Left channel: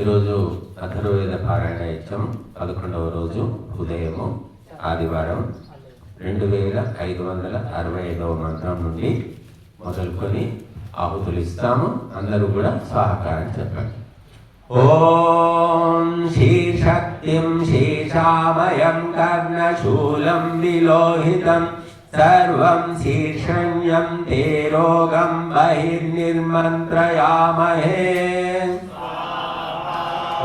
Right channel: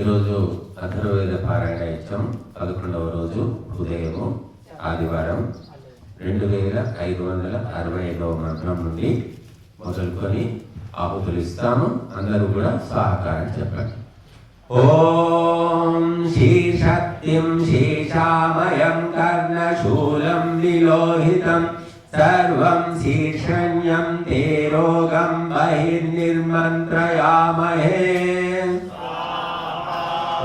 ఈరోజు అథర్వవేద పారాయణ ఇచ్చాం. 11వ రోజు ఉదయము ఆదివారం 2565వ మంత్రం నుండి మొదలుకొని ఆహుతులు ఇస్తాము. అందరూ కూడా సహకారం చెప్పండి. ఓం శీర్షక్తిం శీర్షామయం కర్ణశూలం విలోహితం సర్వం శీర్షణ్యం తే రోగం బహిర్నిర్మంత్రయామహే.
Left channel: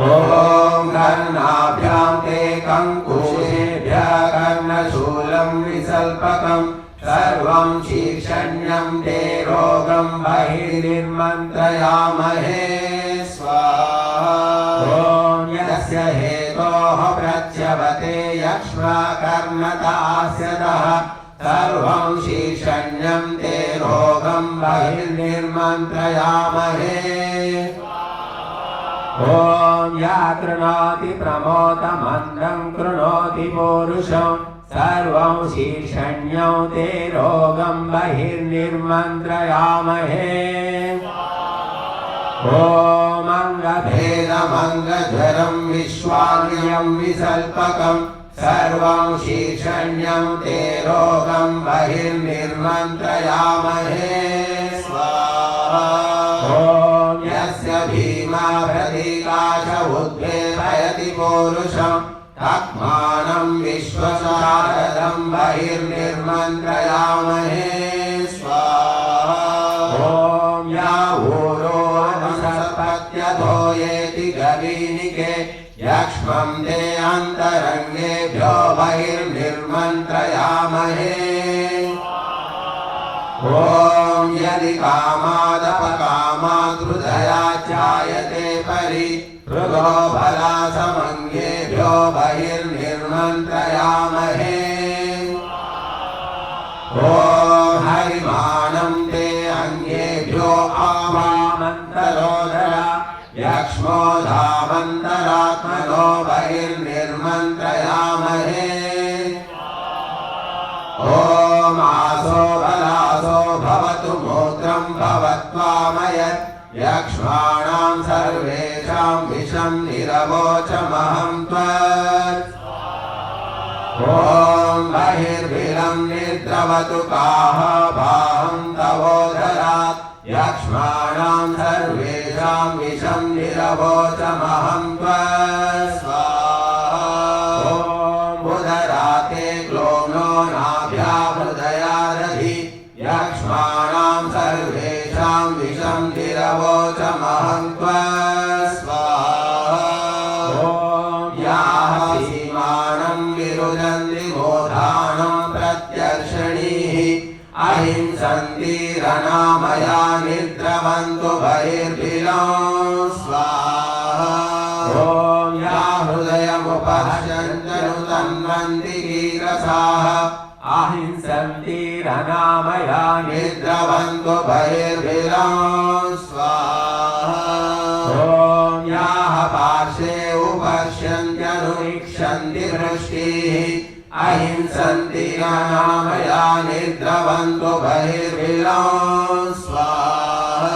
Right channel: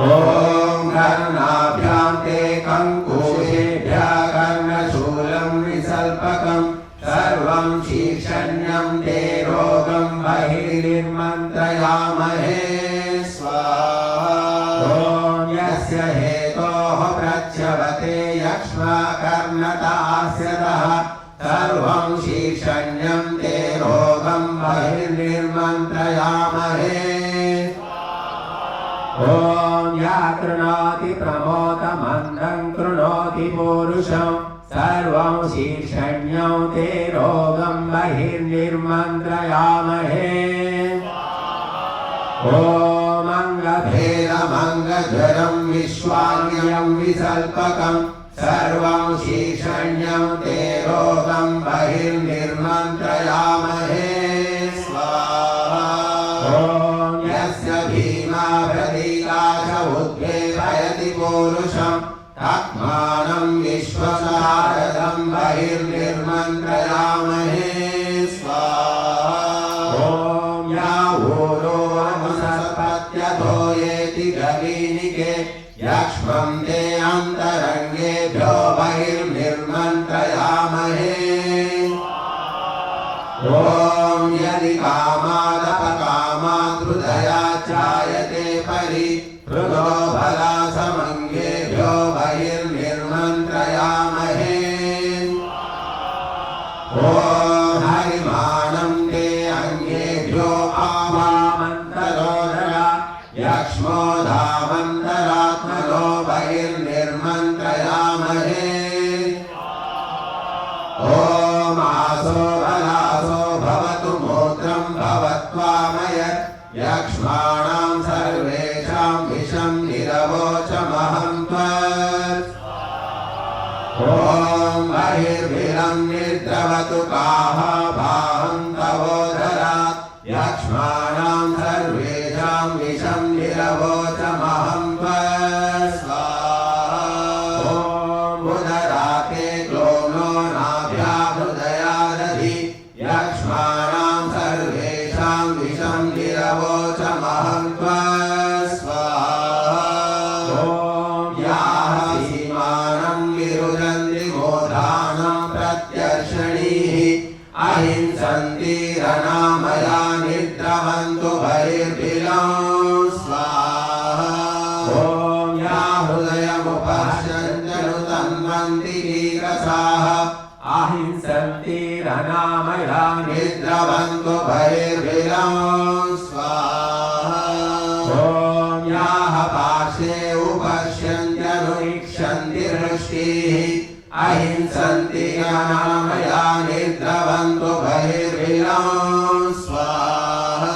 ఓం కర్ణాభ్యాం తే కంకుశేభ్యః కర్ణశూలం విసల్పకం సర్వం శీర్షణ్యం తే రోగం బహిర్నిర్మంత్రయామహే. స్వాహా. ఓం యస్య హేతోః ప్రచ్యవతే యక్ష్మకర్ణతాస్యతః సర్వం శీర్షణ్యం తే రోగం బహిర్నిర్మంత్రయామహే. ఓం యా కృణోతి ప్రమోదమందం కృణోతి పౌరుషం సర్వం శీర్షణ్యం తే రోగం బహిర్నిర్మంత్రయామహే. ఓం అంగభేదమంగజ్వరం విశ్వాగ్యం విసల్పకం సర్వం శీర్షణ్యం తే రోగం బహిర్నిర్మంత్రయామహే. స్వాహా. ఓం యస్య భీమా ప్రతీకాశ ఉద్వేలయతి పౌరుషం తత్మానం విశ్వసారథం బహిర్నిర్మంత్రయామహే. స్వాహా. ఓం యా ఊరో అనుసర్పత్యధోయేతి గవీనికే యక్ష్మం తే అంతరంగేభ్యో బహిర్నిర్మంత్రయామహే. ఓం యది కామాదపకామాదృదయా ఛాయతే పరి హృదో బలాసమంగేభ్యో బహిర్నిర్మంత్రయామహే. ఓం హరిమాణం తే అంగేభ్యో ఆమామంతరోదరా యక్ష్మోధామంతరాత్మనో బహిర్నిర్మంత్రయామహే. ఓం ఆసో బలాసో భవతు మూత్రం భవత్వామయత్ యక్ష్మాణాం సర్వేషాం విషం నిరవోచమహం త్వత్. ఓం బహిర్విలం నిర్ద్రవతు కాహ భాహం తవోదరాత్ యక్ష్మాణాం సర్వేషాం విషం నిరవోచమహం త్వత్. స్వాహా. ఓం ఉదరాతే క్లోమ్నో నాభ్యా హృదయాదధి యక్ష్మాణాం సర్వేషాం విషం నిరవోచమహం త్వత్. స్వాహా. ఓం యాః సీమానం విరుదంతి మోధానం ప్రత్యర్షణీః అహింసంతి రణామయా నిర్ద్రవంతు బహిర్భిలం. స్వాహా. ఓం యా హృదయముపశ్యంతను తన్వంతి కీరసాః అహింసంతి రణామయా నిర్ద్రవంతు బహిర్భిలం. స్వాహా. ఓం యాః పార్శ్వే ఉపశ్యంత్యనురీక్షन्ति దృష్టిः అహింసంతి రణామయా నిర్ద్రవంతు బహిర్భిలం. స్వాహా.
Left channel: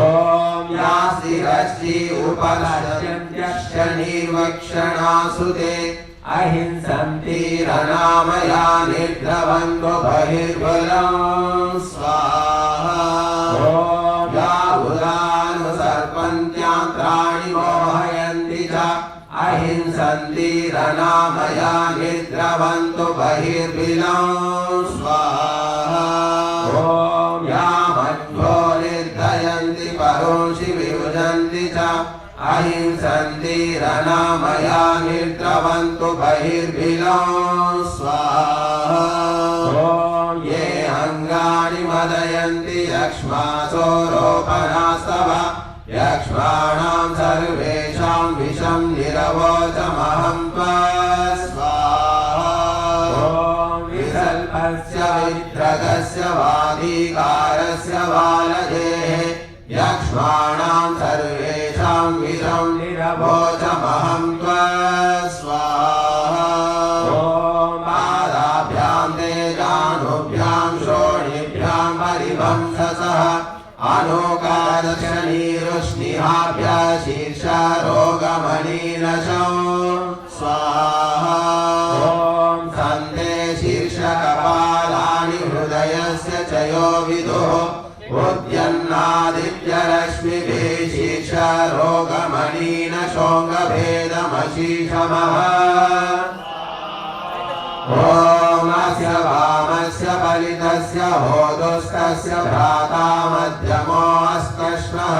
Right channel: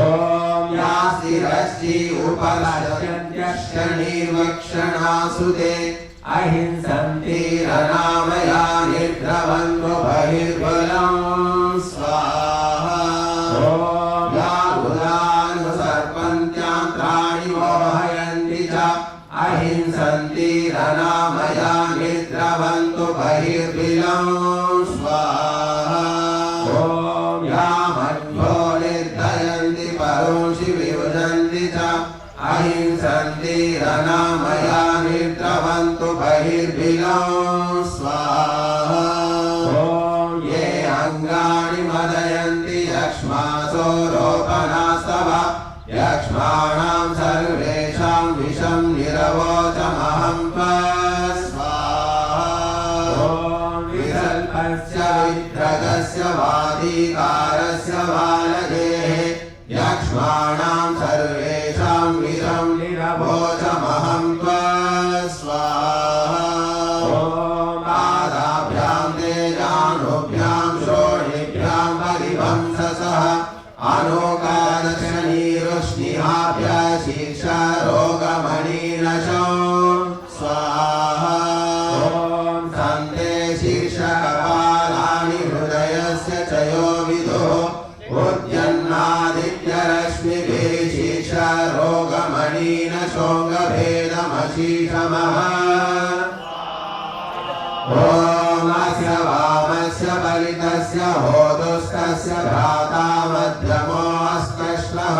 ఓం యా స్థిరశ్చి ఉపలక్ష్యంత్యశ్చ నిర్వక్షణాసుతే అహింసంతి రణామయా నిర్ద్రవంతు బహిర్బలం. స్వాహా. ఓం యా ఉదానుసర్పంత్యాంత్రాణి మోహయంతి చ అహింసంతి రణామయా నిర్ద్రవంతు బహిర్బలం. స్వాహా. ఓం యా మధ్వో నిర్దయంతి పరోషి విభజంతి చ అహింసంతి రణామయా నిర్ద్రవంతు బహిర్బలం. స్వాహా. ఓం ఏ అంగాని మదయంతి యక్ష్మాసో రోపణాస్తవ యక్ష్మాణాం సర్వేషాం విషం నిరవోచమహం త్వత్. స్వాహా. ఓం వికల్పస్య విద్రగస్య వాదీకారస్య వాలయేః యక్ష్మాణాం సర్వేషాం విషం నిరవోచమహం త్వత్. స్వాహా. ఓం పాదాభ్యాం తే జానుభ్యాం శోణిభ్యాం హరివంశసః అనోకాదశ నీరుష్ణిహాభ్యः शीर्षरोगमणिनशो स्वाहा ॐ सन्ते शीर्षकपालानि हृदयस्य च यो विदुः उद्यन्नादित्यरश्मिभिः शीर्षरोगमणिनशोऽङ्गभेदमशीषमः ॐ अस्य वामस्य फलितस्य होदुस्तस्य भ्राता मध्यमो अस्पश्मः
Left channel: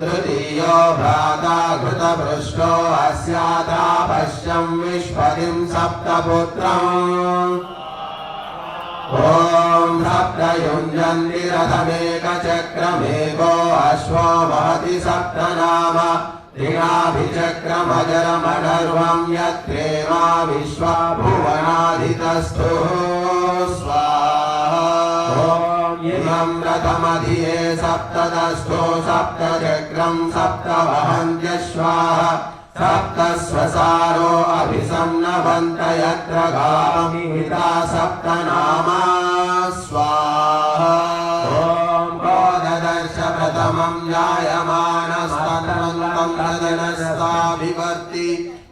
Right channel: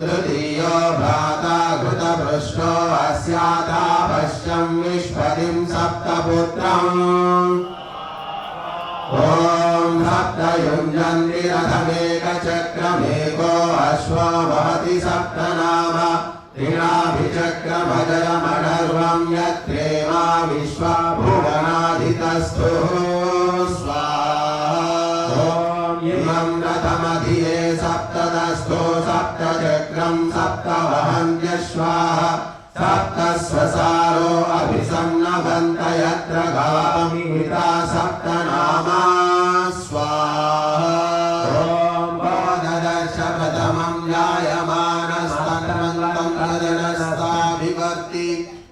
तृतीयो भ्राता घृतपृष्ठो अस्याता पश्यं विश्वतिं सप्तपुत्रम् ॐ सप्तयुञ्जन्ति रथमेकचक्रमेको अश्वो वहति सप्तनाम त्रिणाभिचक्रमजरमडर्वं यत्रेमा विश्वा भुवनाधितस्तुः स्वाहा इमं रथमधिये सप्तदस्थो सप्तचक्रं सप्तवहन्त्यश्वाः सप्तस्वसारो अभिसंनवन्त यत्र गामिता सप्तनामा स्वाहा ॐ बोधदर्श प्रथमं जायमानस्तनस्ताभिवर्ति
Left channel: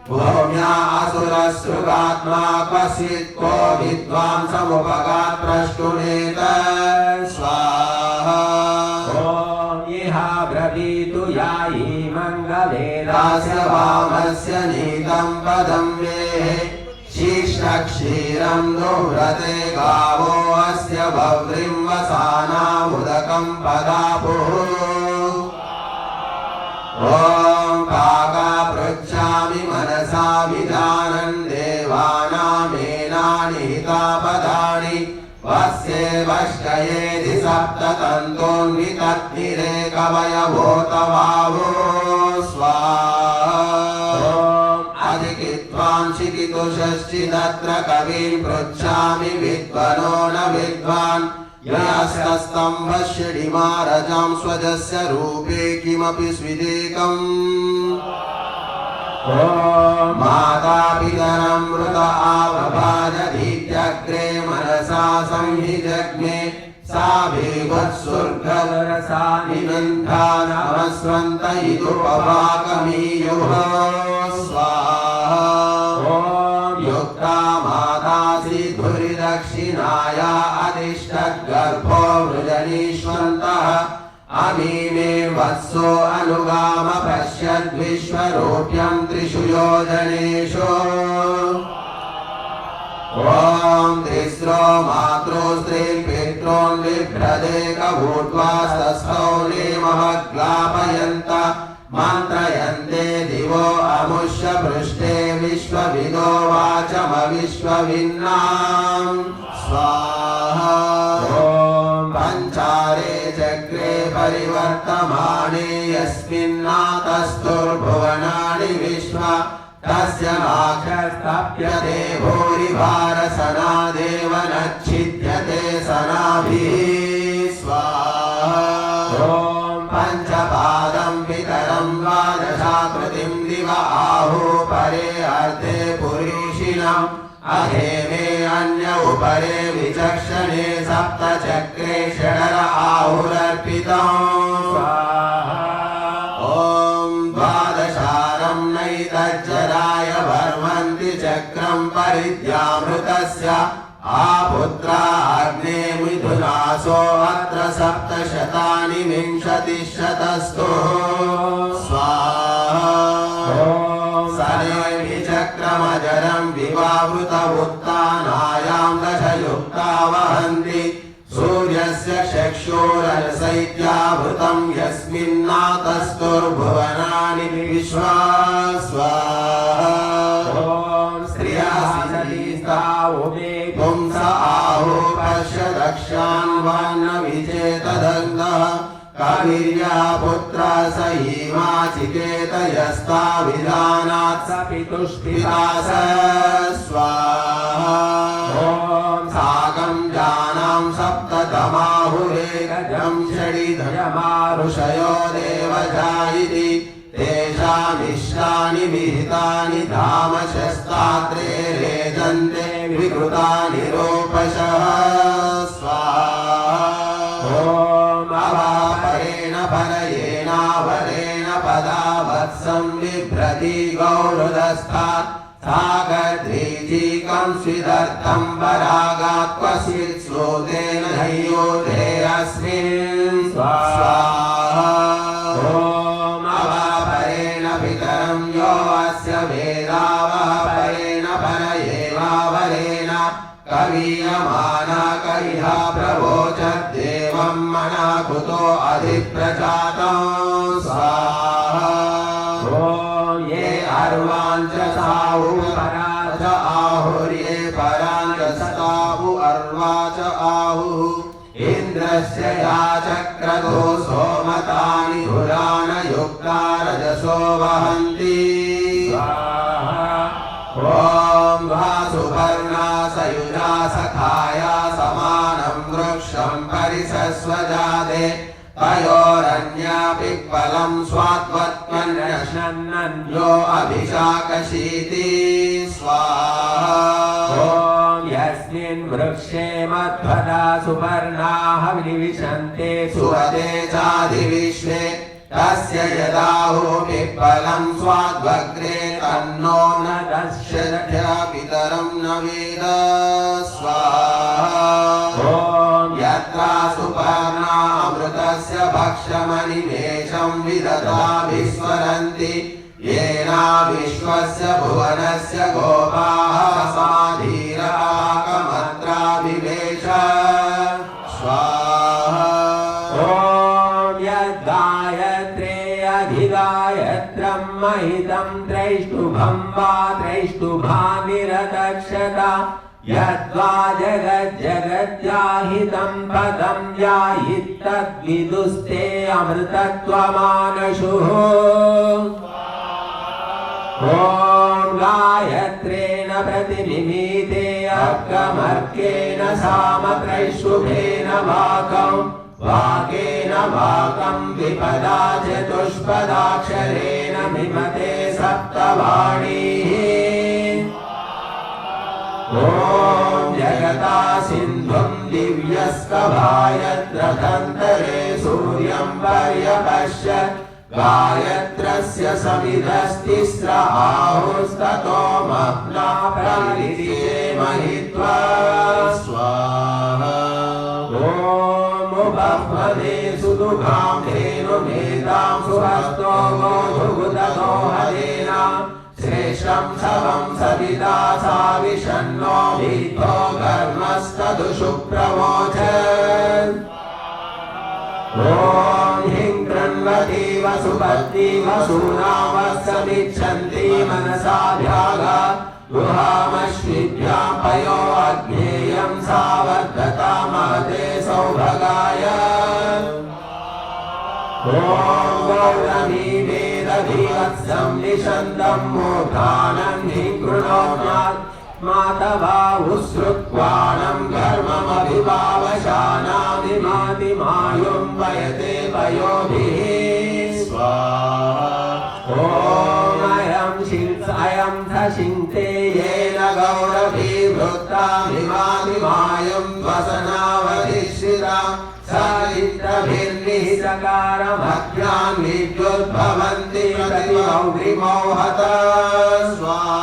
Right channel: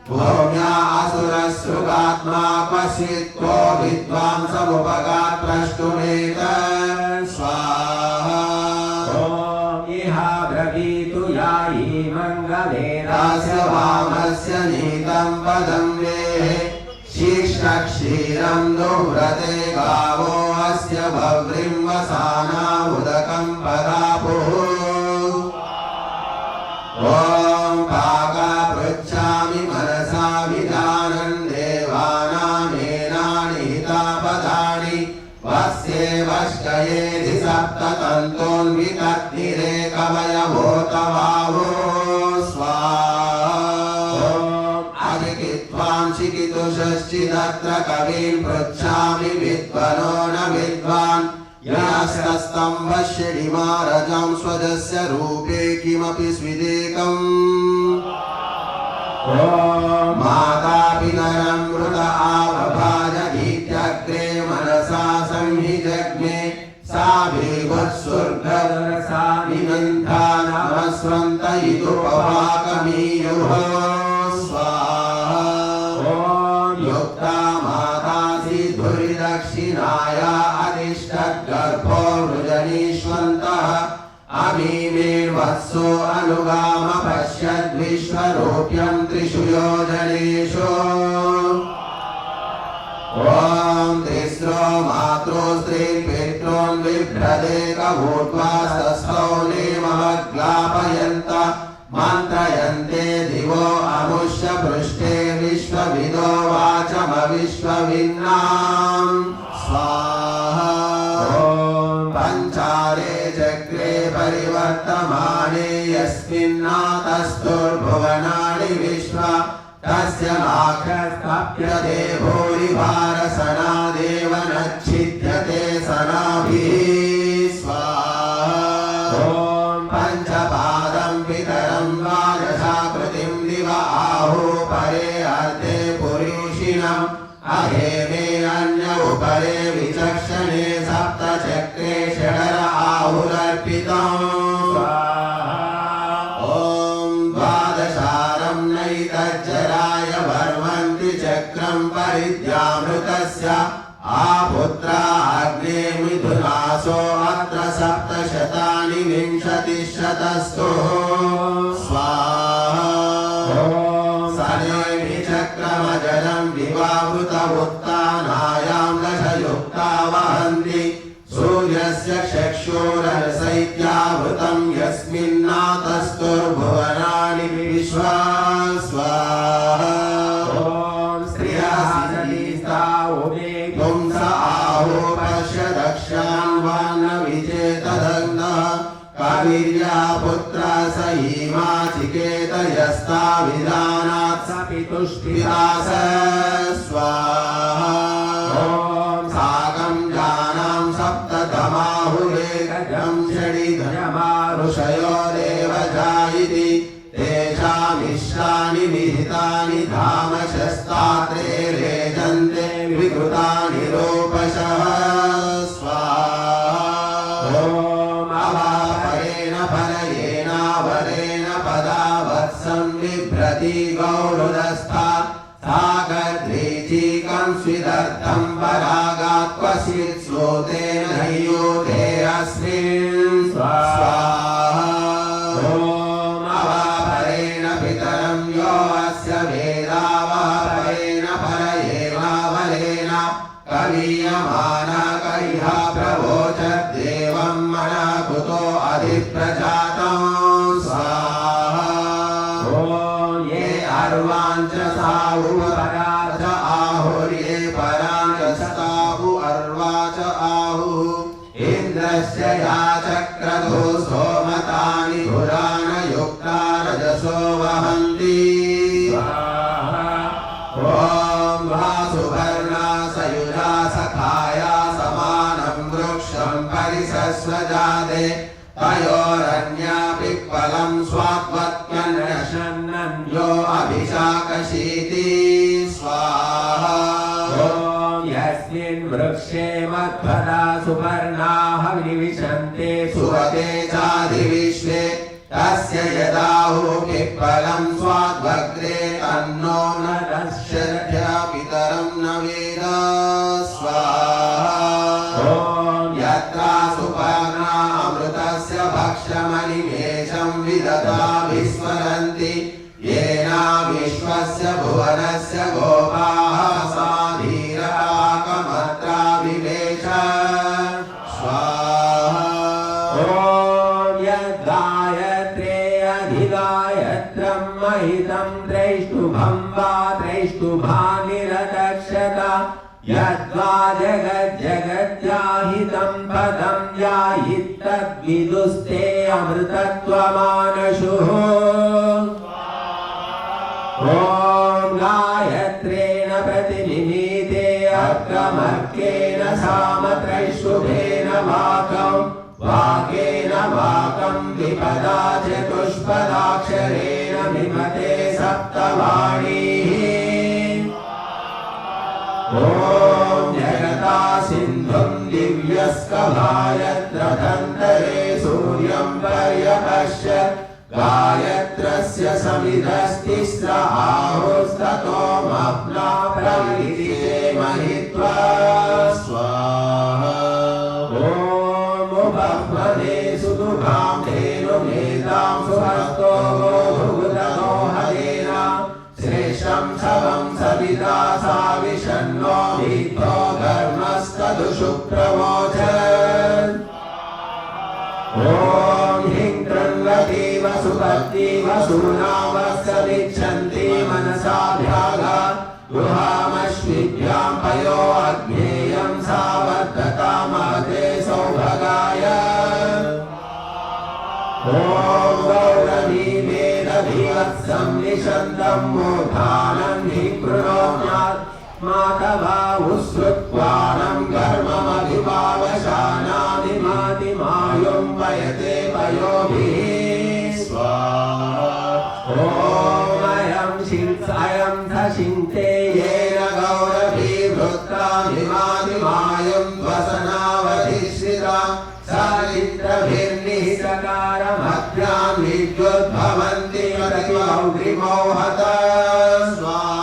भूम्या असुरसृगात्मा क्वचित् को विद्वांसमुपगात् प्रष्टुमेत स्वाहा ॐ इह ब्रवीतु यायी मङ्गलेनास्य वामस्य नीतं पदं वेः शीर्षक्षीरं दुह्रते गावो अस्य भव्रिं वसाना उदकं पदापुः ॐ काका पृच्छामि मनसा विधानं देवानामेनानि हितापदानि वस्ये वष्कयेधि सप्ततन्तोन्वितग्निरे कवयभूतबाहो स्वाहा अधिकित्वांशिकितुषश्चिदत्र कविं पृच्छामि विद्वनो न विद्वान् यास्तस्तम्भश्चिडिमारजां स्वजस्य रूपे किमपि स्विदेकम् ॐ मातापितरं मृत आवभाजभीत्यग्रे मनसा संहिजग्मे सा भीभत्सुर्गरसा निमिन्था नमस्वन्त इदुपवाकमीयुः स्वाहा ॐ युक्ता मातासि धुरिदक्षिणाया अधिष्ठद्गर्भो वृजनीष्वन्तः अमीमे वत्सो अनुगाम पश्यद्विश्वरूप्यं त्रिषु योजनेषु ॐ तिस्रो मातृस्त्रीन् पितॄन् बिभ्रदेकभूत्वास्तस्थौ नेमवग्लापयन्त मन्त्रयन्ते दिवो अमुष्य पृष्ठे विश्वविदो वाचमविश्वविन्नां स्वाहा ॐ पञ्चारे चक्रे परिवर्तमाने यस्मिन्नातस्तुर्भुवनानि विश्वा तस्य माखस्तप्यते भूरिभारसनादेव नच्छिद्यते सनाभिः स्वाहा ॐ पञ्चपादं पितरं द्वादशाकृतिं दिव आहु परे अर्धे पुरीषिणम् अहेमे अन्य उपरे विचक्षणे सप्तचक्रे षडर आहुरर्पितम् नैतज्जराय वर्मन्ति चक्रं परिद्यामृतस्य आपुत्रा अग्ने मिथुनासो अत्र सप्तशतानि विंशतिशतस्तु स्वाहा सनेमि चक्रमजरं विवावृत उत्तानायां दशयुक्ता वहन्ति सूर्यस्य चक्षुरसैत्यावृतं यस्मिन्नातस्तुर्भुवनानि विश्वा स्वाहा ॐ स्त्रियः पुंस आहु पश्य दक्षान्वान्न विचेतदङ्गः कवीर्या पुत्र स हीमाचिकेत यस्ता विधानात् स पितुष्पितास स्वाहा ॐ साकं जानां सप्ततमाहुरेकजं षडिधरमारुषयो देवजायिति तेषामिष्टानि विहितानि धामशस्तात्रे रेजन्ते विकृतानि रोपशः स्वाहा ॐ अवापरेण फलयेनावरेण पदाव वत्सं बिभ्रति गौरुदस्तात् सागद्रीचीकं स्विदर्थं परागात् क्वचित् श्लोतेन नैयोधेयस्मिन् स्वाहा ॐ अवापरेण पितरं यो अस्य वेदावापरेण परयेवावरेण कवीयमानकैः प्रवोचद्देवं मनः कुतो अधिप्रजातं स्वाहा ॐ ये अर्वाञ्च साहु पराच आहुर्ये पराञ्च साहु अर्वा च आहुः इन्द्रस्य याचक्रतो सोमतानि पुराणयुक्ता रजसो वहन्ति ॐ भासुपर्णा सयुजा सखाया समानं वृक्षं परिसस्वजाते तयोरन्यापिप्पलं स्वात्मत्वन्नशन्नन्यो अभिशाकशीति स्वाहा ॐ यस्मिन् वृक्षे मध्वदा सुपर्णाः विनिविशन्ते सुरते चाधिविश्वे तस्य यदाहुः पिप्पलं स्वाद्वग्रे तन्नो न दश्यध्या पितरं न वेद स्वाहा ॐ यत्रा सुपर्णा अमृतस्य भक्षमनिमेषं विदधा विस्मरन्ति येन विश्वस्य भुवनस्य गोपाः साधीराकमत्रा विवेश स्वाहा ॐ यद्गायत्रे अधिगायत्रं महितं त्रैष्टुभं वा त्रैष्टुभानिरतक्षता यद्वा जगज्जगज्जाहितं पदं याहितद्विदुस्ते अमृतत्वमानशुः ॐ गायत्रेण प्रतिमिमीते अर्कमर्केण सामत्रैष्टुभेन वाकं वाकेन वाकं द्विपदा चतुष्पदाक्षरेण मिमते सप्तवाणीः ॐ जगता सिन्धुं दिव्यस्कभायत्रतन्तरे सूर्यं पर्यपश्यत् गायत्रस्य सविधस्तिस्र आहुस्ततो मह्ना प्रलिलिते महित्वा स्वाहा ॐ उपह्वदे सुदुघां धेनुमेतां सुहस्तो गोधुगुततो हरेण श्रेष्ठं शवं सविता साविषन्नो भीतो घर्मस्तदुषु प्रवोचत् ॐ ह्रीं कृण्वती वसुपत्नी वसूनां वत्समिच्छन्ति मनसा भ्यागा गृहामश्विभ्यां पयो अग्नेयं सावर्धता महते सौभगाय ॐ गौरवी वेदधिवत्सं निषन्तं मूर्धानं हि कृणोत्यात् मातवा उश्रुक्वाणं कर्ममभिभावशानादिमादिमायुं वयते वयोभिः स्वाहा ॐ अयं धशिन्ते येन गौरवी वृत्ताभिमादिमायुं वसनावधिश्रिता सरित्रभिर्निहितकारमभ्यां विद्युद्भवन्ति प्रतिमौग्रिमो हता स्वाहा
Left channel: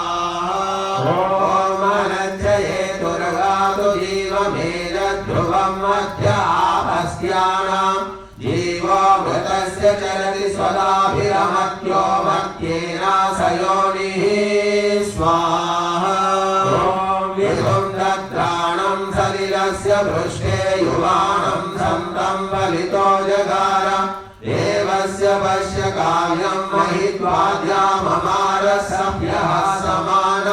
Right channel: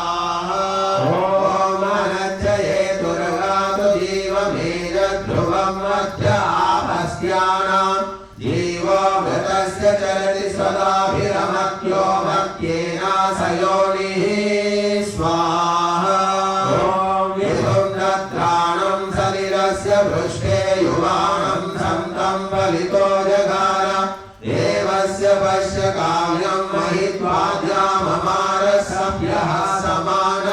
चलति स्वदाभिरमत्यो मत्येन सयोनिः स्वाहा ॐ विधुं दद्राणं शरीरस्य पृष्ठे युवानं सन्तं बलितो जगार देवस्य पश्य काव्यं महित्वाद्याममारसभ्यः समान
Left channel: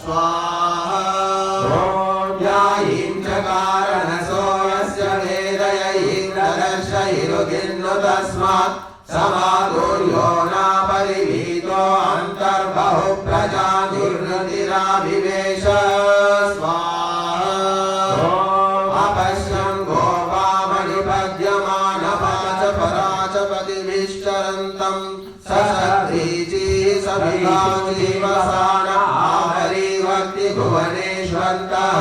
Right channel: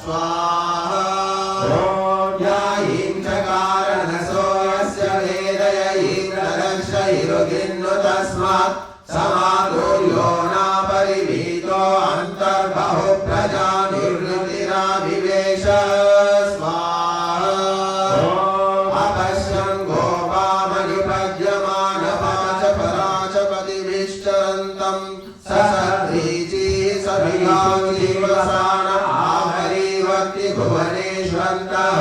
स्वाहा ॐ यायीं चकार तस्मात् समादुर्यो न परिवीतो अन्तर्बहु प्रजानिर्वृतिराविवेश स्वाहा अपश्यन् गोपामणिपद्यमानपाच पराचपतिभिश्चरन्तं ससद्रीचिः सभिगाजीवसान आवरीवक्ति भुवनेष्वन्तः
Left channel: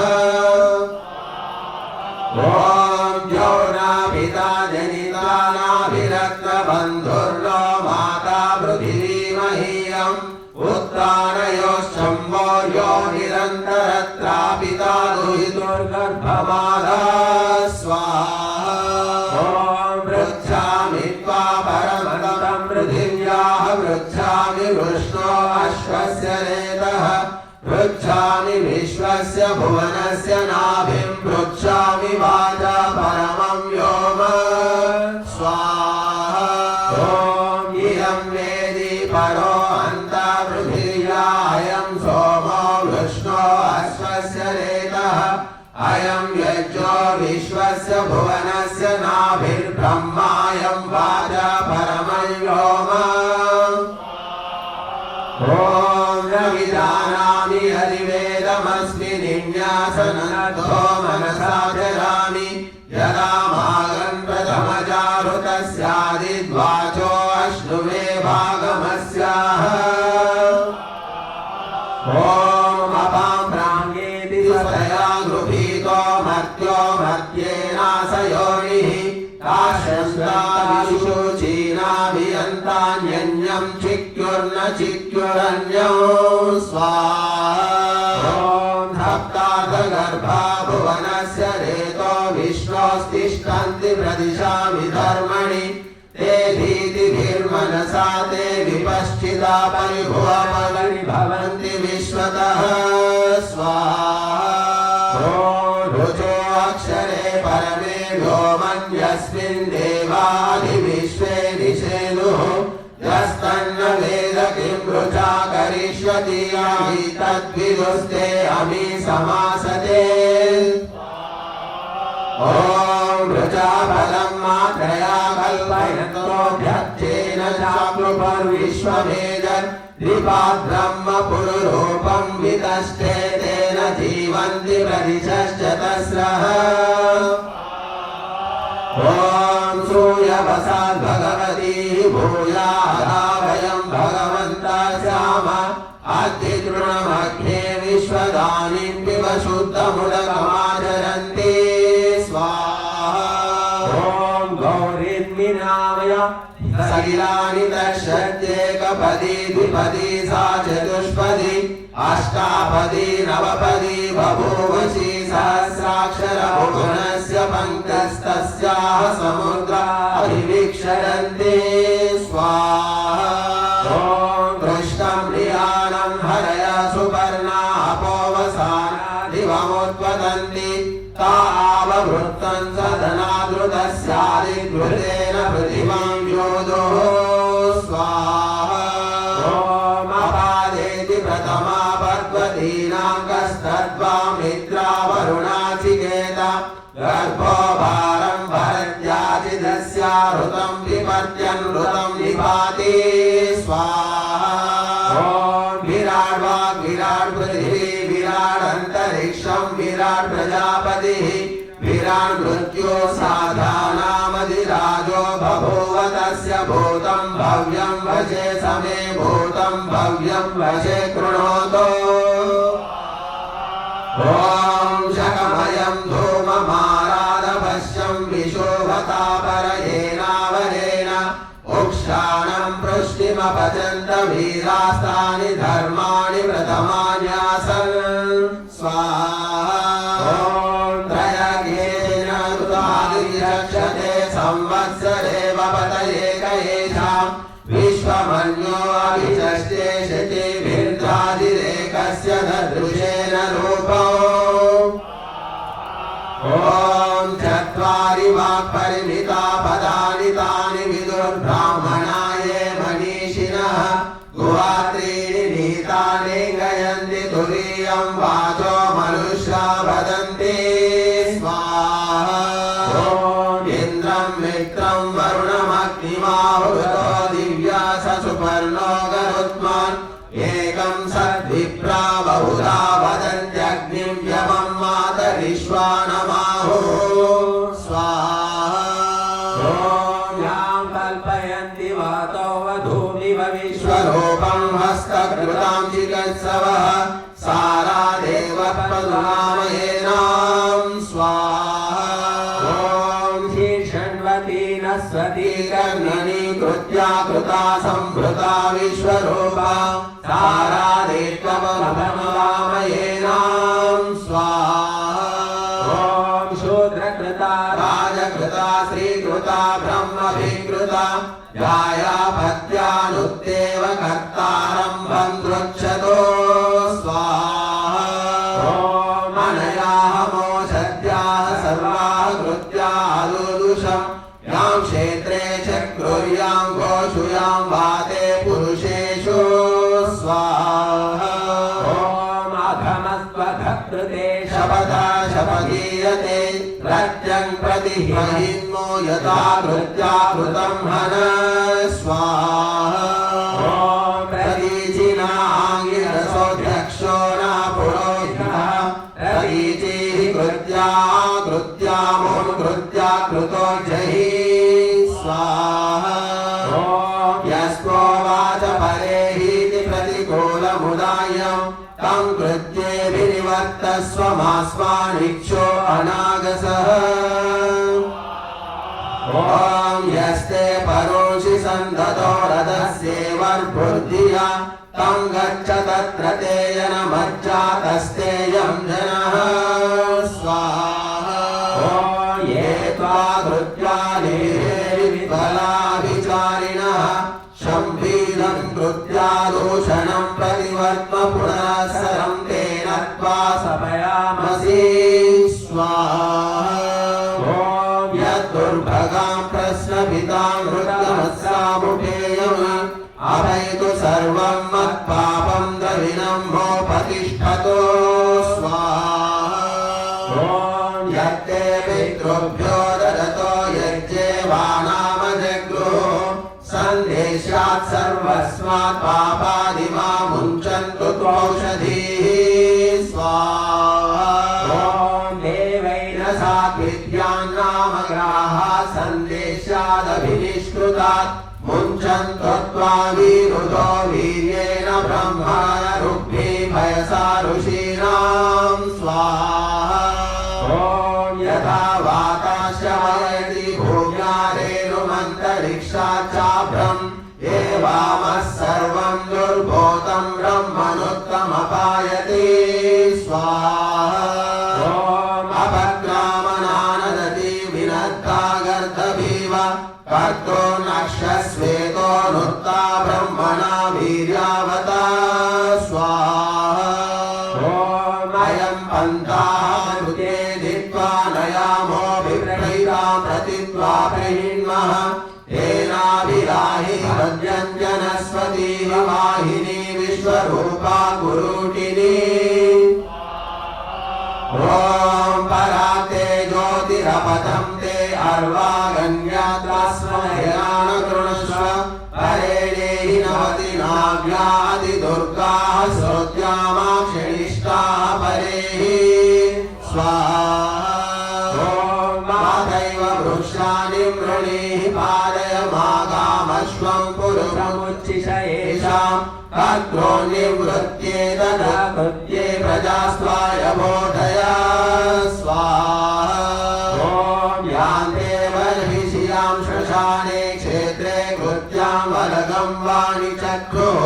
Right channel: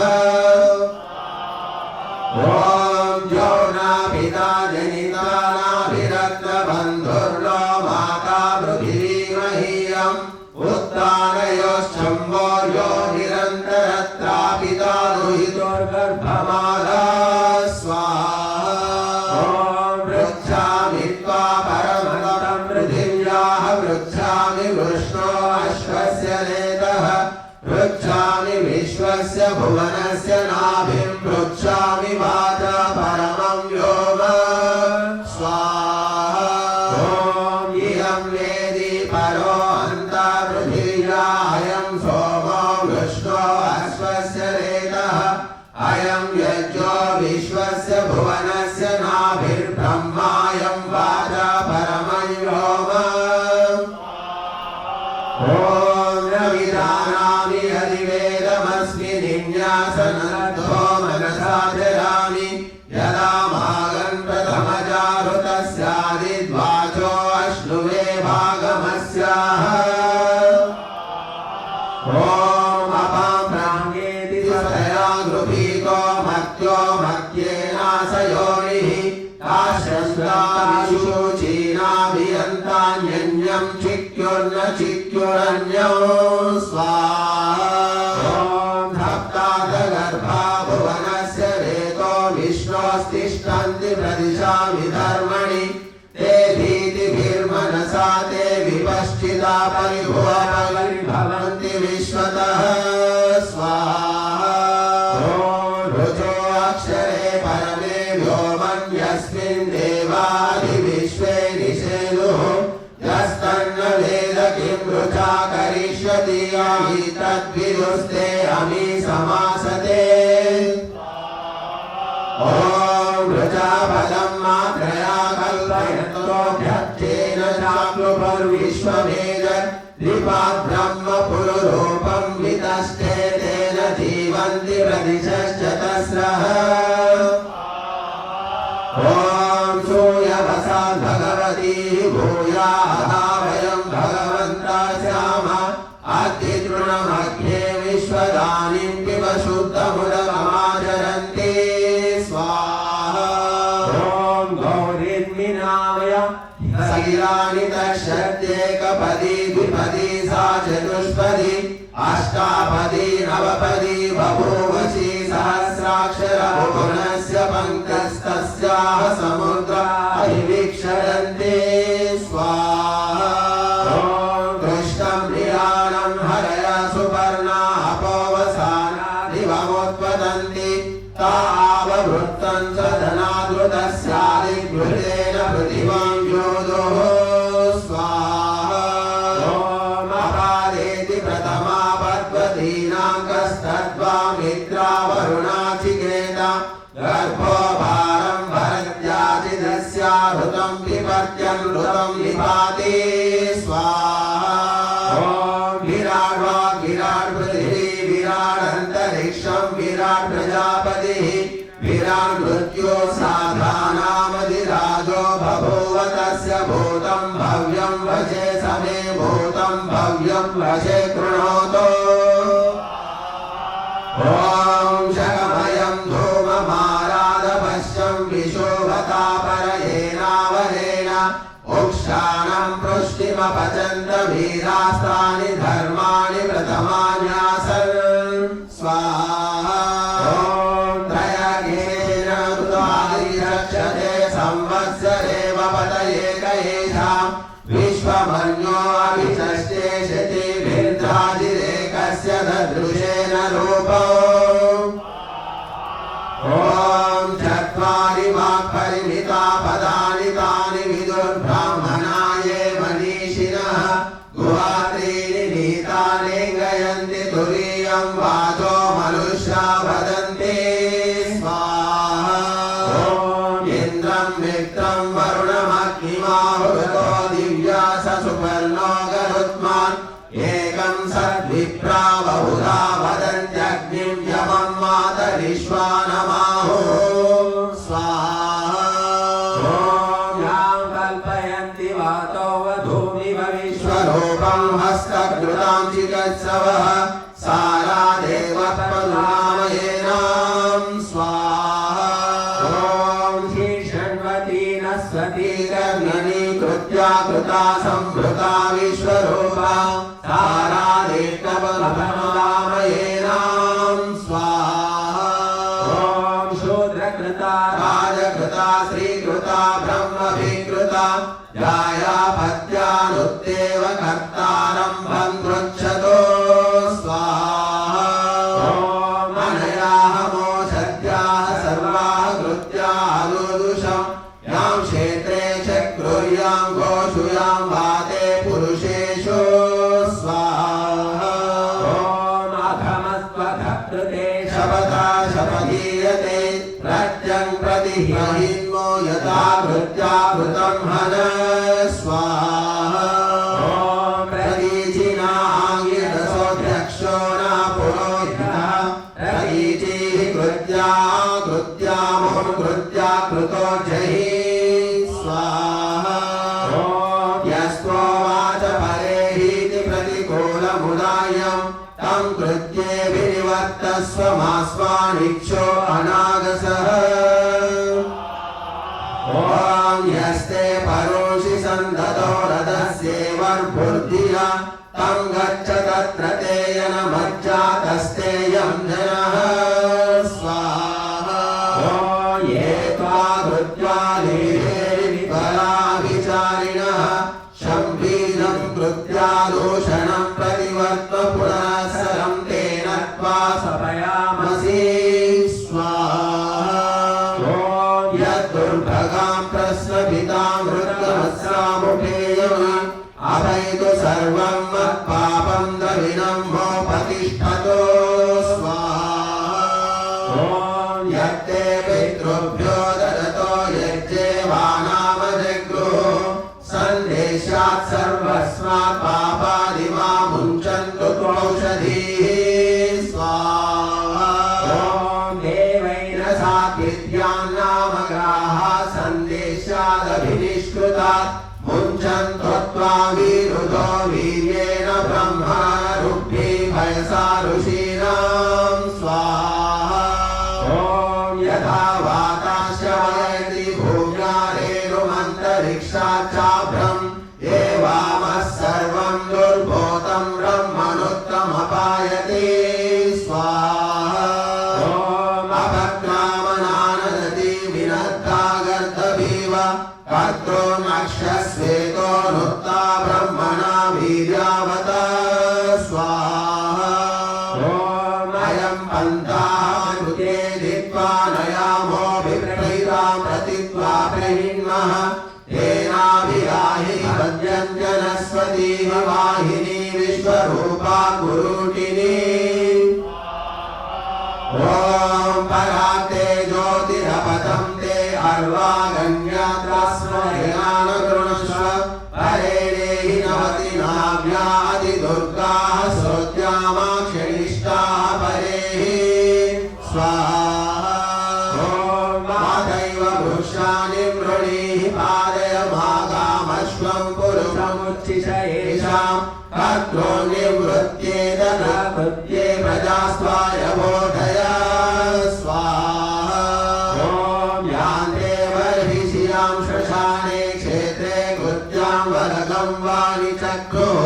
ॐ जौना पिता जनिता नाभिरत्नबन्धुर्लो माता कृष्णो अश्वस्य नेतः पृच्छामि विश्वस्य भुवनस्य नाभिं पृच्छामि वाचा परमं व्योम स्वाहा ॐ इयं वेदी परो अन्तर्पृथिव्या अयं सोमो विष्णो अश्वस्य नेतः अयं यज्ञो विश्वस्य भुवनस्य नाभिर्ब्रह्मायं वाचा परमं व्योम ॐ न विजानामि अधिवेदमस्मि निन्यासनतो मनसा जरामि यदा मागन् प्रथमचारुतस्यादिद्वाचो अश्नुवे भागमस्याः ॐ अपां प्राङ्गेति स्वया गृहीतो मत्यो मत्येनाशयोनिः ताशस्त्राशुचीनाभियन्तान्यन्यं चिक्युर्न चिक्युरन्यो स्वाहा ॐ धप्तार्थगर्भा भुवनस्य रेतो विश्वस्तिष्ठन्ति प्रदिशामि धर्मणि ते धीतिभिर्मनसा ते विपश्चिता परिभुवनरिभवन्ति विश्वतः स्वाहा ॐ ऋचो अक्षरे परमे व्योमन्यस्मिन् देवादिविश्वे निषेदुः यस्तन्न वेद किं ऋचा करिष्यति अमि तद्विदुस्ते अमि समासते ॐ ऋचा फलं मात्रया कल्पयन्तोऽध्यक्षेण चाप्लुपर्विश्वभेदद्विपाद् ब्रह्म पुरुरूपं वितस्ते तेन जीवन्ति प्रदिशश्च तस्रः ॐ सूर्यवसा भगवती भूयादा वयं भगवन्तः स्याम अद्यतृणमग्ने विश्वदानीं पिब शुद्धमुदकमाचरन्ति स्वाहा ॐ गौरीन्मिनामय सलिलानि तच्छत्येकपदी द्विपदी सा चतुष्पदी अष्टापदी नवपदी बभूवशी सहस्राक्षर भुवनस्य पङ्कस्तस्याः समुद्राभिवीक्षरन्ति स्वाहा ॐ कृष्णं लीलानं हरय सुवर्णा अपोवसानादिवमुत्पतन्ति ताववृत्तं सदनादृतस्यादिग्भृतेन पृथिवां योदोः स्वाहा ॐ अपादेति प्रथमा पद्वतीनां कस्तद्वामित्रा वरुणाचिकेता गर्भो भारं भरत्याचिदस्याहृतं विपर्त्यनृतं निपाति स्वाहा ॐ विराट् वाग् विराट् पृथिवी विराट् अन्तरिक्षं विराट् प्रजापतिः विराट् मृत्यो साधानामधिराजो बभूव तस्य भूतं भव्यं वशे समे भूतं भव्यं वशे कृणोतु ॐ शकमयं धूममारादपश्यं विशोभतापरयेनावरेण उक्षाणं पृष्टिमपचन्त वीरास्तानि धर्माणि प्रथमान्यासन् स्वाहा ॐ त्रयगेन ऋतादिरक्षते संवत्सरे पतये कयेषां विश्वमन्यो अभिषष्टे शचीभिर्धाजिरेकस्य ददृशेन रूपो ॐ चत्वारि वाक्परिमिता पदानि तानि विदुर्ब्राह्मणा ये मनीषिणः गुहात्रीणि नीतानि गयन्ति तुरीयं वाचो मनुष्या वदन्ति स्वाहा ॐ इन्द्रं मित्रं वरुणमग्निमाहुतो दिव्या सुपर्णो गरुत्मान् एकं सद्विप्रा बहुधा वदन्त्यग्निं यमं मातरिश्वानमाहुः स्वाहा ॐ यां कल्पयन्ति वातो वधूमिव विश्वरूपं हस्तकृतां चिकित्सवः सारा देवप्रदामयेनां स्वाहा ॐ शीर्षण्वती नस्वती कर्मणीकृत्या कृता संभृता विश्वरूपा सारा देवप्रदामयेनां स्वाहा ॐ शूद्रकृता राजकृता श्रीकृता ब्रह्मभिकृता जाया पत्यानुत्तेव कर्ता कार्यं तं कृत्ये विनिवर्तस्वमास्वानिक्षो अनागसः ॐ यस्ते परोषि सन्दतो रथस्येवर्बुद्धिया तं गच्छ तत्र तेन मज्जातस्तेयं जनः स्वाहा ॐ ये त्वा कृत्यालिफलाभिचारिणः शम्भीरं कृत्यादूषणं प्रतिवर्त्म पुनःसरं तेन त्वा सपयामसि स्वाहा ॐ यद्दुर्भगां प्रश्नपितां मृत्युमत्सामुपेयम् अभयतु सर्वं मत्पापं दविनं मोपतिष्ठतो स्वाहा ॐ यत्ते पितृभ्यो ददतो यज्ञेवानामजग्रुः सन्देशात् सर्वस्मात् पापादिमा मुञ्चन्तु त्वौषधीः स्वाहा ॐ देवैन साद्विद्यान्नामग्राः सन्देशादभिनिष्कृतात् मुञ्चन्तो त्वा विरुधो वीर्येण ब्रह्मणरुभ्ये भयसा ऋषीणां स्वाहा ॐ यथा वाताश्रवयति भूम्यारेरुमन्तरिक्षात् चाभ्रम् एवामः सर्वं दुर्भूतं ब्रह्मणोत्तमपायते स्वाहा ॐ अपक्रामनानदति विनद्धा गर्दभीव कर्तो नक्षस्वेतो नुत्ता ब्रह्मणा वीर्यावता स्वाहा ॐ अयं पन्थाः कृते धित्वा नयामो विप्रहिता प्रतित्वा प्रहिण्मः तेनाभिराहि भद्यन्त्यनस्वतीव वाहिनी विश्वरूपा गुरुटिनी ॐ पराते ज्योतिरपथं ते अर्वागन्यात्रस्मयनानुगृणस्व परे देहि नवति नाव्यादिदुर्गाः श्रोत्यामाक्षिणिष्टाः परेः स्वाहा ॐ मातैव वृक्षाणि मृणीः पादयमागामश्वं पुरुषमुच्छिष येषां कर्त्रो निवृत्त्येत कृत्ये प्रजास्त्वाय बोधय स्वाहा ॐ यान्ते बर्हिषियां श्मशाने क्षेत्रे कृत्यां वरगं वाणि चक्रुः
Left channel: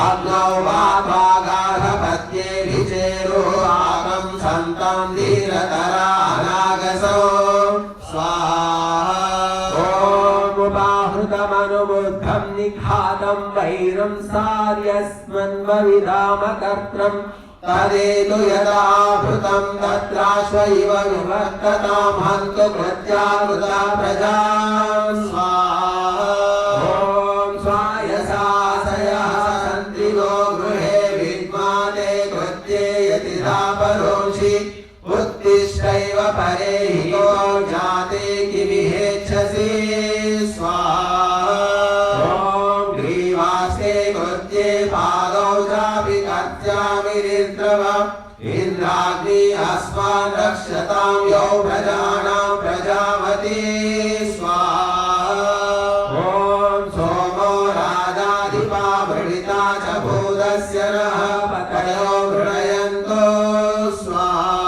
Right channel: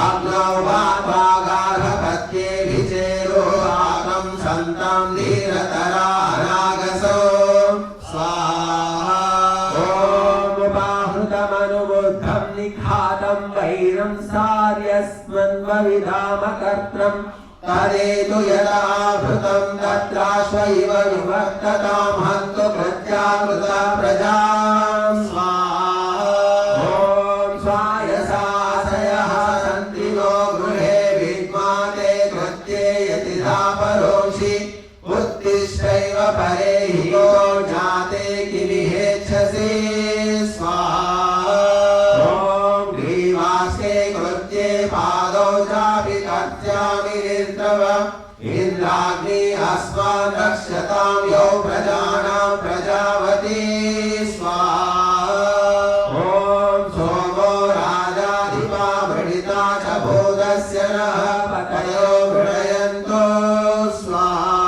आग्नौ वागार्हपत्ये विचेरो आगं सन्तं धीरतरा अनागसो स्वाहा ॐ उपाहृतमनुबुद्धं निखातं वैरं सार्यस्मन्वविधामकर्त्रं तदेतु यदाभृतं तत्राश्व इव विवर्ततां हन्तु प्रत्याकृता प्रजां स्वाहा ॐ स्वायसासयः सन्त्रिगो गृहे विद्माते कृत्ये यतिधा परोषि उत्तिष्ठैव परे हि यो जाते किलिहेच्छसि स्वाहा ॐ ग्रीवास्ते कृत्ये पादौ चापि कर्त्यामि निर्द्रव इन्द्राग्नि अस्मान् रक्षतां यौ प्रजानां प्रजावती स्वाहा ॐ सोमो राजाधिपा वृणिता च भूतस्य नः पतयो वृणयन्तो स्वाहा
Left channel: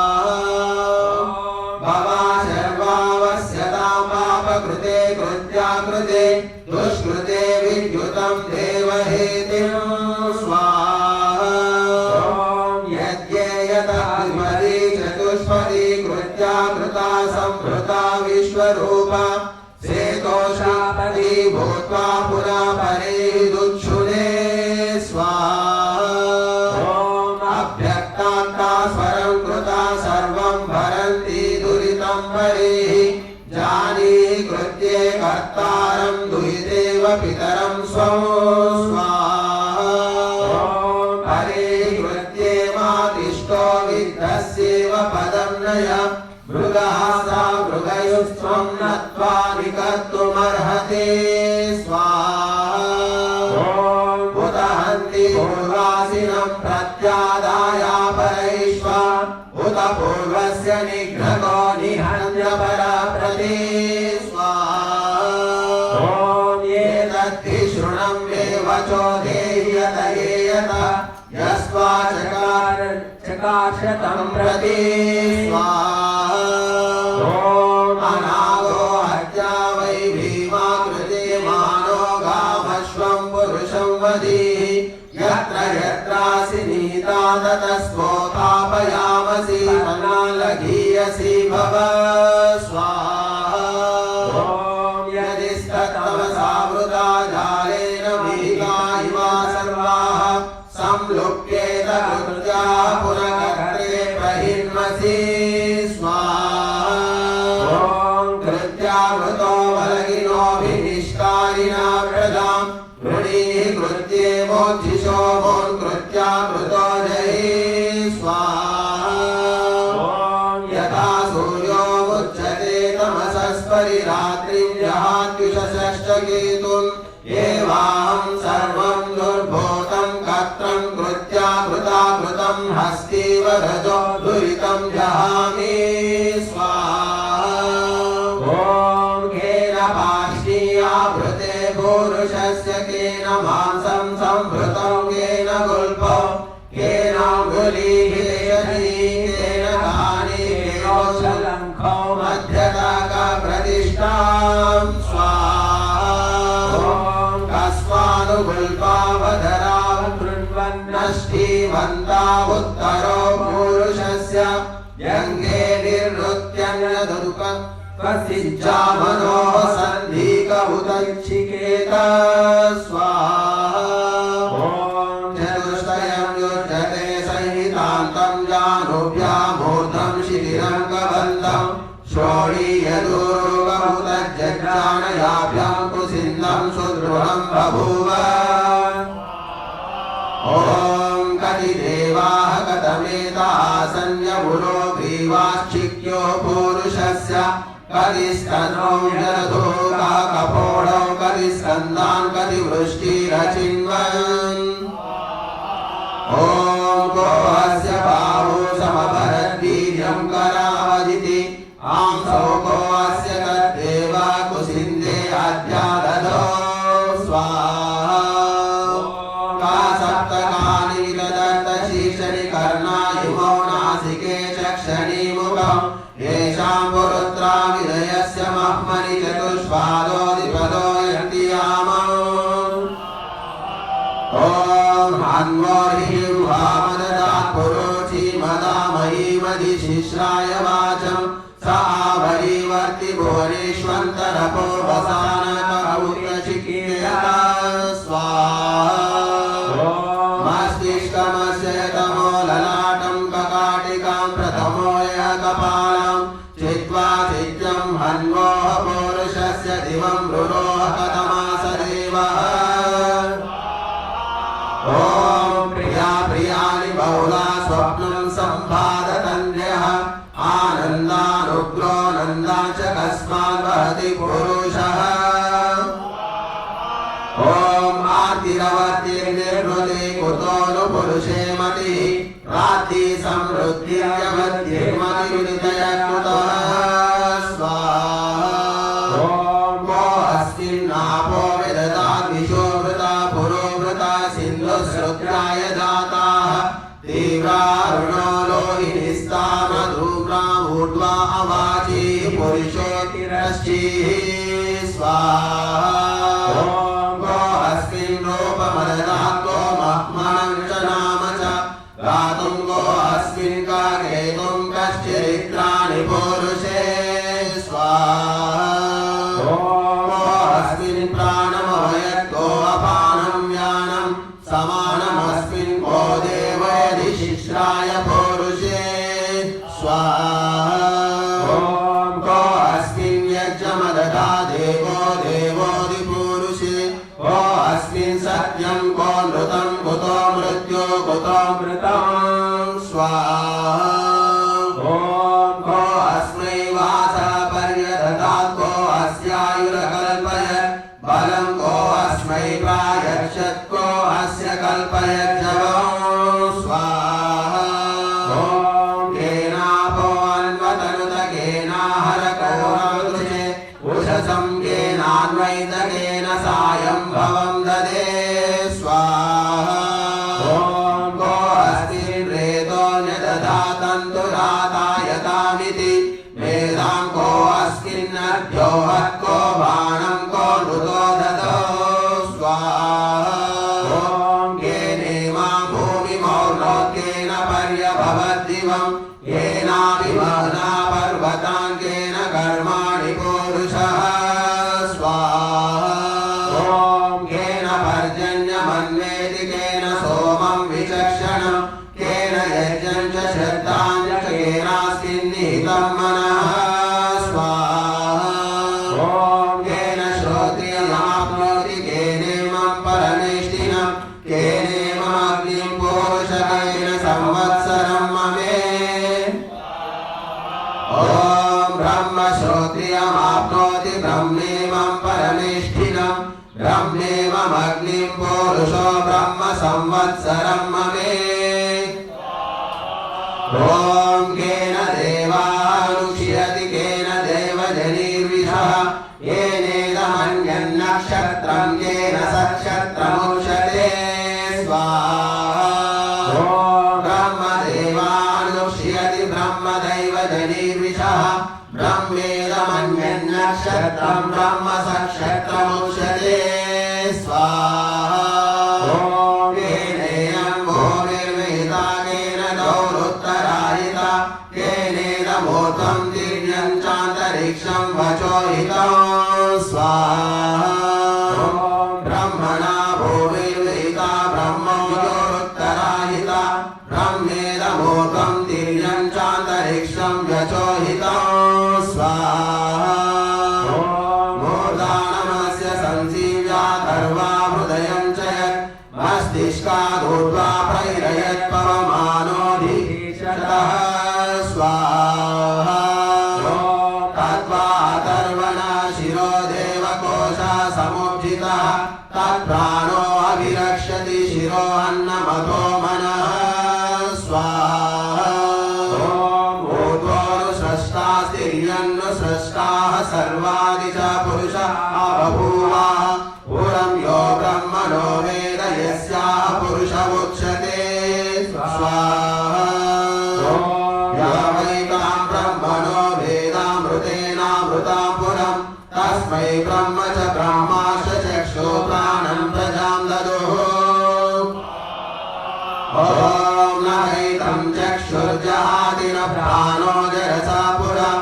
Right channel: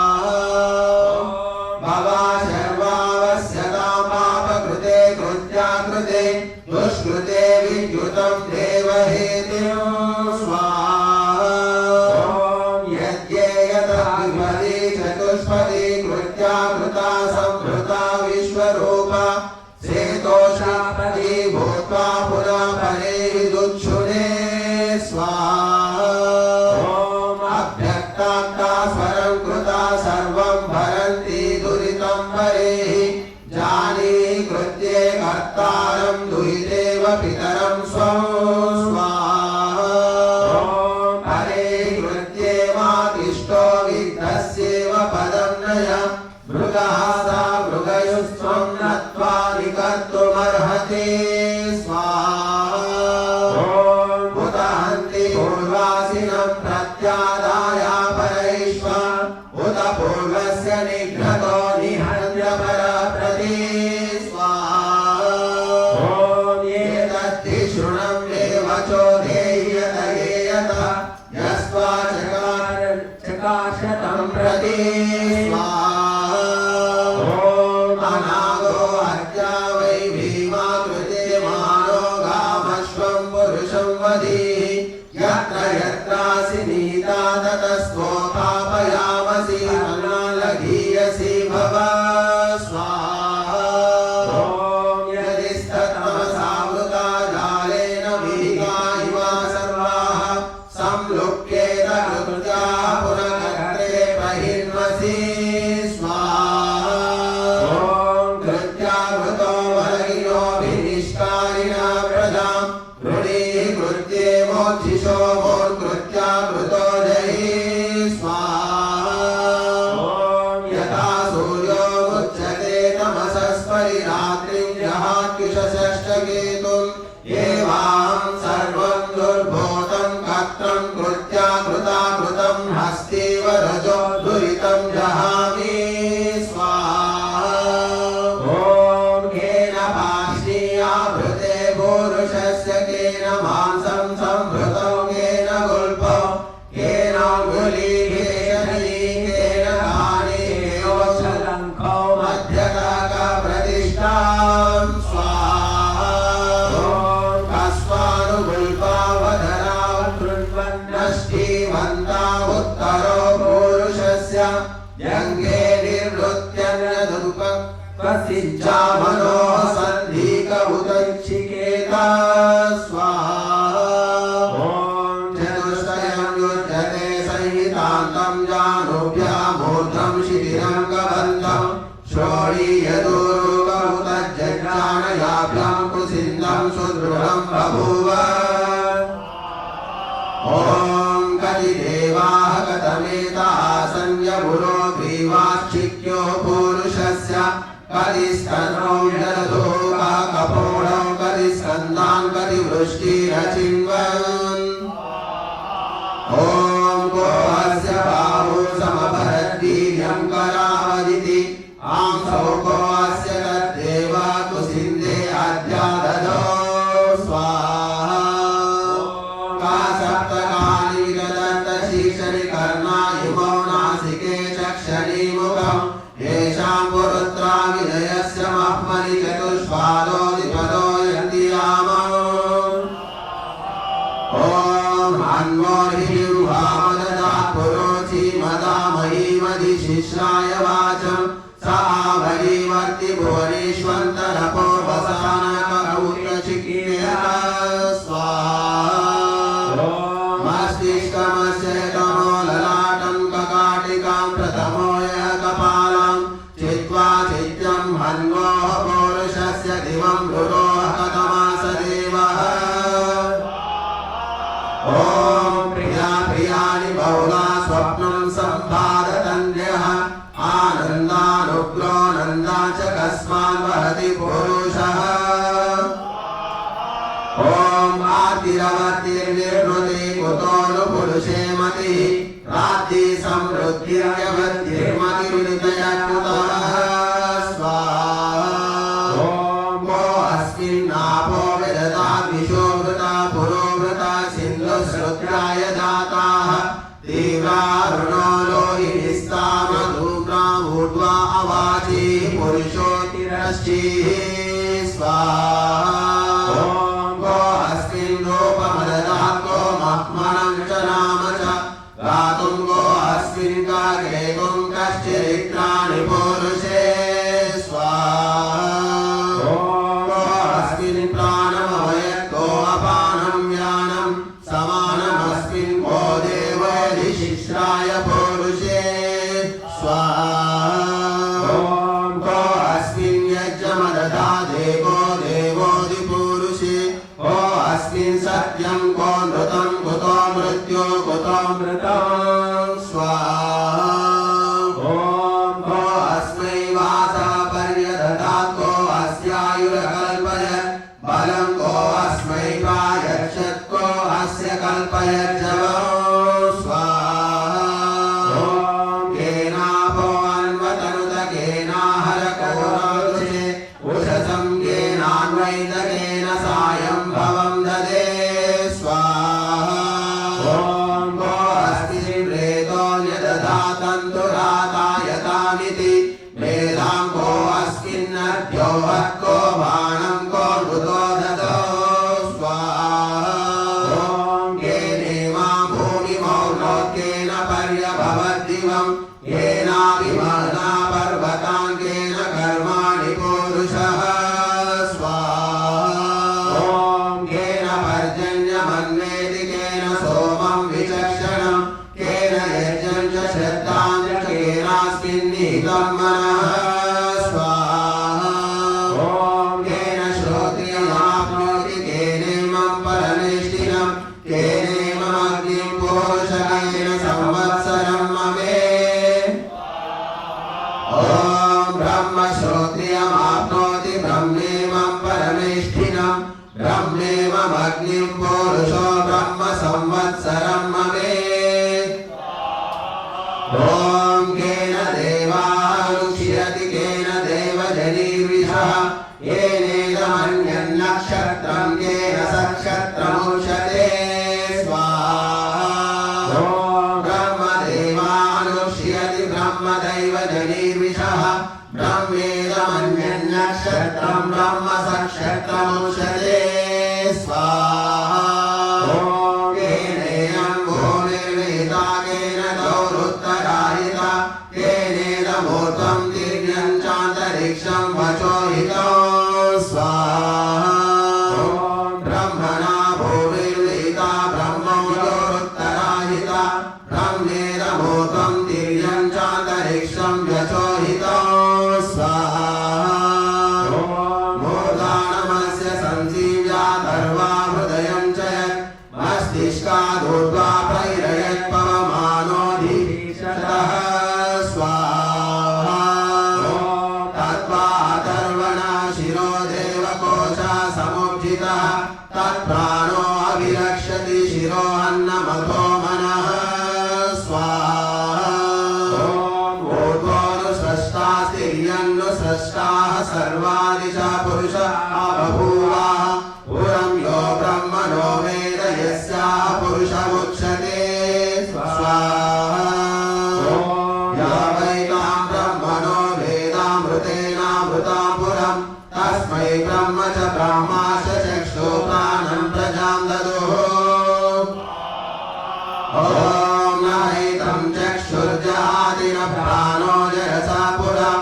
भवा शर्वावस्यतां पापकृते कृत्याकृते दुष्कृते विद्युतं देवहेतिं स्वाहा ॐ यज्ञेयतमदि चतुष्पदी कृत्याकृता संभृता विश्वरूपा सेतोषापदी भूत्वा पुनः परे विदुच्छुने स्वाहा ॐ अभ्यक्तान्ता स्वरं कृता सर्वं भरन्ति दुरितं परेहि जानीहि कृत्ये कर्तारं दुहितेव पितरं स्वं स्वाहा ॐ परेहि कृत्ये मातिष्ठो विद्धस्येव पदं नय मृगः सा मृगयुस्त्वं नत्वा निकर्तुमर्हति स्वाहा ॐ उत हन्ति पूर्वासिनं प्रत्यादाय परैष्वा उत पूर्वस्य निघ्नतो निहन्य परप्रति स्वाहा ॐ एतद्धि शृणं देवचो देह्यत येयत यस्त्व शतं प्रति स्वाहा अनागो हत्या वै भीमा कृते मानो गामश्वं पुरुषं वधीः यत्र यत्रासि नीता ततस्तोथापयामसि अनालघीयसि भव स्वाहा यदिस्ततमसावृता जालेन विहिता इव सर्वाः संलुप्येत कृत्याः पुनर्गते प्रहिन्वसि स्वाहा कृत्यावृतो वलगिनोऽभिनिष्कारिणा प्रजां गृणीः कृत्ये मोक्षिषो कृत्यावृतो जहि स्वाहा यथा सूर्यो मुच्यते तमसस्परिरात्रिं जहात्युषषष्टकेतुम् एवाहं सर्वं दुर्भूतं कत्रं कृत्याकृताकृतं हस्तीव रजो दुरितं जहामि स्वाहा केन पार्ष्णीयाभृते पुरुषस्य केन मांसं संभृतं केन गुल्फं केनाङ्गुलीकेशनी केन कानि केनोच्छलङ्खो मध्यतकप्रतिष्ठां स्वाहा कस्मानुगुल्पावधरां कृण्वन्नष्टीवन्तावुत्तरो पुरुषस्य व्यङ्गे निर्वृत्यन्नदुपं कसिज्जामनो सन्धिकमुदच्छिकेत स्वाहा चतुष्टयं युज्यते संहितान्तं जानुभ्यामूर्धं शिथिलं कबन्धं श्रोणीयदुर्गमुदज्जज्ञानयाभ्यां कुसिन्दं सुदृढं बभूव ॐ कतिदेवाः कथमेतासन्यपुरो ग्रीवाश्चिक्यो पुरुषस्य कतिस्तनौ जलधोका कपोलौ कतिस्कन्धान् कतिवृष्टिरचिन्वन् ॐ को अस्य बाहु समभरद्वीर्यं करावदिति आंसौ को अस्य तद्देव कुसिन्दे अध्यादधो स्वाहा सप्तकानि विदधत्त शीर्षणि कर्णा इमो नासिके चक्षणि मुखं येषां पुरुत्रा विनयस्य मह्मनि चतुष्पादो द्विपदो यन्ति यामौ ॐ हन्वोर्हिं वामददात् पुरोचि मदामहीमधिशिश्राय वाचं स आवरीवर्ति भुवनेष्वन्तरपो वसानकौत्रचिकीर्णः स्वाहा मस्तिष्कमस्य तमो ललाटं ककाटिकां प्रथमो यः कपालं चित्वा चित्यं हन्वोः पौरुषस्य दिवं रुरोः कथमास देवः ॐ प्रिया प्रियाणि बहुला स्वप्नं सम्पादतन्यः आनन्दानुग्रो नन्दा च कस्मान् वहति पुरुषः ॐ आर्तिरवर्तिर्निर्वृति कुतो नु पुरुषे मतिः प्राप्ति समृद्धिर्यवद्धिर्मतिर्नितयकृतः स्वाहा को अस्मिन्नापो विदधाद्विषोवृता पुरोवृता सिन्धुश्रुत्याय दाताः तीव्रारुणो लोहिनिस्तामधूम्रामूर्ध्वा अवाची पुरुषोतिरश्चिः स्वाहा को अस्मिन् रूपमददात् को मह्मनं च नाम च गातुं को अस्मिन् काकेतुं कश्चिरित्राणि पुरुषे स्वाहा को अस्मिन् प्राणमवयत् को अपानं व्यानं समानमस्मिन् को देवयधिशिश्राय पुरुषे स्वाहा को अस्मिन् यज्ञमदधा देवो देवोऽधिपुरुषे को अस्मिन् सत्यं को नृतं कुतो मृत्यो कुतो मृतं स्वाहा को अस्मै वासः पर्यदधात् को अस्यायुरकल्पयत् बलं को अस्मै प्रायच्छत् को अस्य कल्पयज्जवो स्वाहा केनापो अन्वतनुत केनाहरकरोरुषे उषसं केनान्वैतकेन सायं भवं ददे स्वाहा को अस्ति प्रेतो न्यदधा मस्तिष्कादूर्ध्वा पैरयत्पवमानोऽधिशतः स्वाहा तत्त्वातर्वणा शिरो देवकोशः समुज्झितः तत्प्राणो अभिरक्षति शिरो अन्नमतो मनः स्वाहा ऊर्ध्वोऽनुसृष्टास्तिर्यन्नुसृष्टाः सर्वादिशा पुरुषः बभूवा पुरं यो ब्रह्मणो वेद यस्याः पुरुषमुच्यते स्वाहा या वै तां ब्रह्मणो वेदामृतेनामृतां पुरं तस्मै ब्रह्म च ब्रह्माश्च चक्षु प्राणं प्रजां ददुः ॐ नैतं चक्षुर्जहाति न प्राणो जरसा पुरं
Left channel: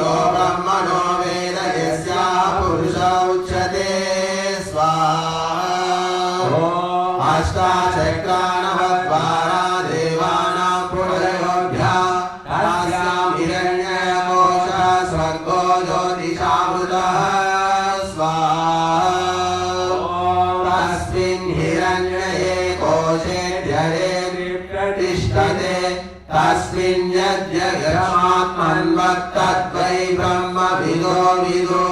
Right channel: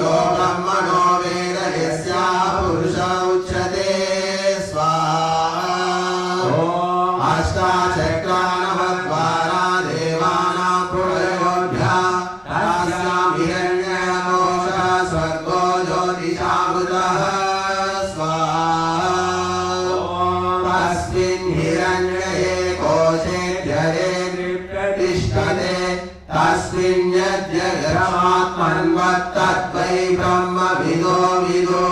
यो ब्रह्मणो वेद यस्याः पुरुष उच्यते स्वाहा अष्टाचक्रानवद्वारा देवानां पुरयोऽभ्यः तस्यां हिरण्यकोशः स्वर्गो ज्योतिषावृतः स्वाहा तस्मिन् हिरण्मये कोशे ध्यरे तिष्ठते तस्मिन् यद्यगमात्मन्वत्तद्वै ब्रह्मविदो विदुः